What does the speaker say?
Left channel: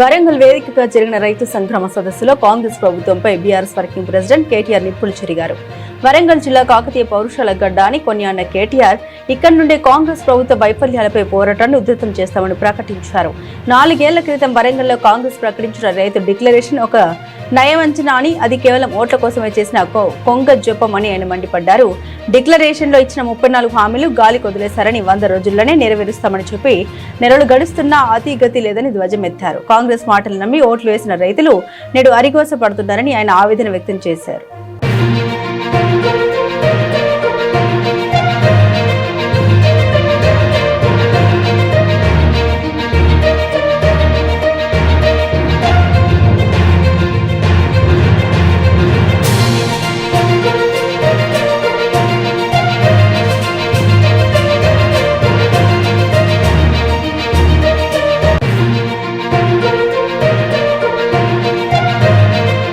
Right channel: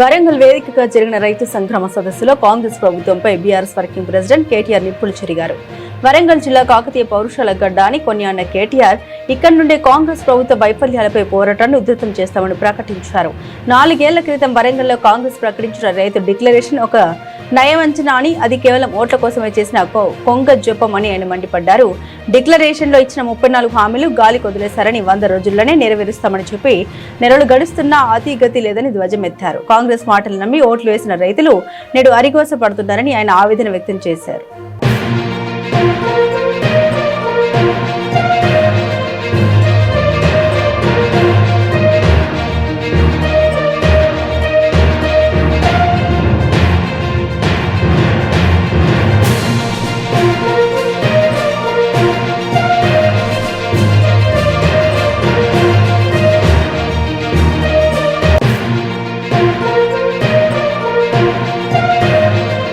వరంగల్ వేదికగా జరిగిన రైతు సంగ్రామ సదస్సులో కాంగ్రెస్ ప్రభుత్వంపై బీఆర్ఎస్ వర్కింగ్ ప్రెసిడెంట్ కేటీఆర్ నిప్పులు చెరిగారు. వరంగల్ జిల్లా కాకతీయ పౌరుషాల గడ్డ అని కొనియాడిన కేటీఆర్ ఇక్కడి నుండే కాంగ్రెస్ ప్రభుత్వ వైఫల్యాలపై పోరాటాన్ని ఉధృతం చేస్తామని ప్రకటించారు. 4 ఏళ్ల క్రితం వరంగల్లో కాంగ్రెస్ ప్రకటించిన రైతు డిక్లరేషన్ ఒక నయవంచన అని, అది కేవలం ఓట్ల కోసమే చేసిన కొంగ జపం అని ఆయన మండిపడ్డారు. డిక్లరేషన్ లో ఇచ్చిన 34 హామీలు గాలి కొదిలేశారని, 100 రోజుల్లోనే నెరవేరుస్తామని చెప్పి నెలలు గడుస్తున్నా అతిగతి లేదని ధ్వజమెత్తారు. కాంగ్రెస్ మాటలు నమ్మి ఓట్లు వేసిన రైతులు నేడు అరిగోస పడుతున్నారని ఆయన ఆవేదన వ్యక్తం చేశారు.